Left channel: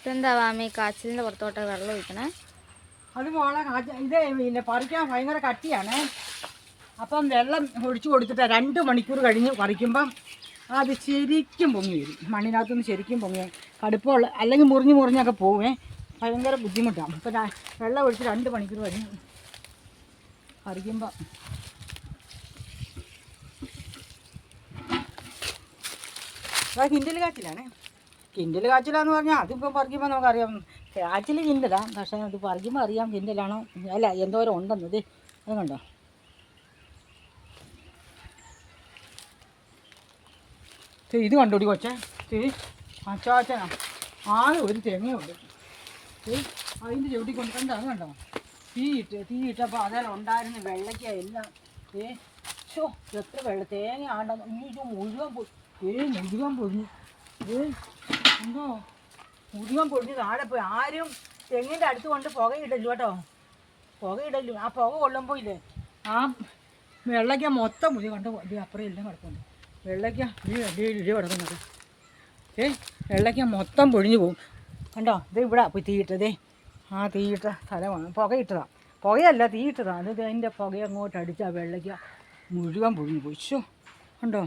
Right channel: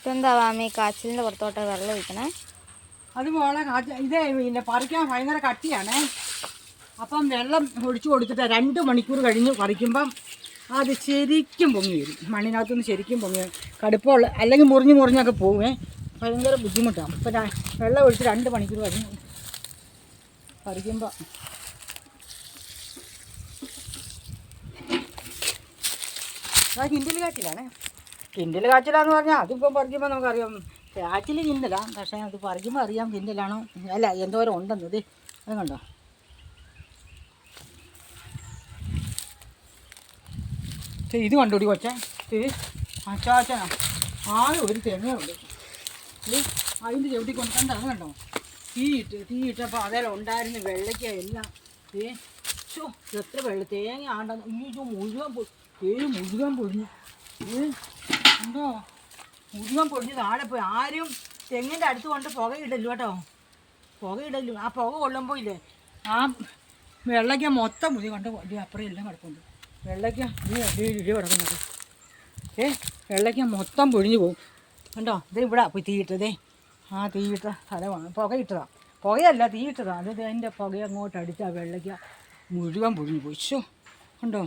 ഇതെന്താ മാമി കാച്ചിലിൻ്റെ പുറത്തോട്ട് വെള്ളം ഒഴിക്കണേ? അത് മോളെ ഇത് പിന്നെ പറിക്കാൻ ഭയങ്കര കട്ടിയാണ്. അപ്പം വെള്ളം ഒഴിച്ചു കൊടുത്തിട്ട് 2 മണിക്കൂർ കഴിഞ്ഞ് പറിക്കുമ്പം അത് ശരിക്കും പൊങ്ങി വരും. മണ്ണിനകത്തുനിന്ന് ശരിക്കും പൊങ്ങി വരും. കടുപ്പമുള്ള അല്ലെങ്കിൽ മുറിഞ്ഞൊക്കെ പോവേ, ഭയങ്കര ബുദ്ധിമുട്ടാണ്. അപ്പം വെള്ളം ഒഴിച്ച് 2 മണിക്കൂർ കഴിഞ്ഞ് പറിക്കുമ്പോൾ കിൻഡിൽ കാച്ചിലാണ്. കിൻഡിൽ കാച്ചിലാന്ന് പറഞ്ഞാൽ അതിപ്പോൾ പറിക്കുമ്പോൾ നമുക്കറിയാം കാച്ചിൽ കിൻഡിലാണ്. പക്ഷേ അത് പറിക്കുമ്പോൾ അറിയാം കിൻഡിലാണോ അല്ല എന്തോരം ഉണ്ടെന്നത്. അത് കണ്ടോ? ഇത് കണ്ടുപിടി കൊച്ചേ. അച്ചാച്ചനാ ആകെ ഒരു തെങ്ങേ ഉള്ളൂ. അതിൻ്റെ ചവിട്ടി കൊണ്ട് കണ്ടാണ് കണ്ടോ? തീയിട്ടപ്പോൾ അതെല്ലാം ഉണ്ടായിരുന്ന വെള്ളയ്ക്ക എല്ലാം എത്ര തേങ്ങ ആണ്ടെന്ന് മുഴുവൻ പൊഴിഞ്ഞു. എന്തോ മുഴുവൻ പൊഴിഞ്ഞ് താഴെ പോയി. ആരും തെങ്ങിൻ്റെ അടുത്ത് കൊണ്ട് പുകയിടല്ലോ കേട്ടോ, പുകയിടല്ലോ. ആ പുക കൊള്ളുമ്പോൾ ഇല്ലേ ആ വെള്ളയ്ക്ക മൊത്തം പൊഴി കണ്ടോ. അപ്പുറം എല്ലാം കിടപ്പുണ്ട് വെള്ളയ്ക്ക. ഇടി കിടക്കുന്നത് വെള്ളയ്ക്ക മൊത്തം പൊഴിഞ്ഞു പോകും കണ്ടോ. ഇത് ഇവിടെ പോയി തീയിട്ടതേ. ആ തീയിട്ട സ്ഥലമാണ്, പുകയിട്ടതാണ്. പുകയല്ല തീയിട്ടതാണ്. അത് അതിൻ്റെ പുക അങ്ങോട്ട് അടിച്ച് ആ വെള്ളയ്ക്ക മുഴുവൻ പൊഴിഞ്ഞു പോയി. കണ്ടോ.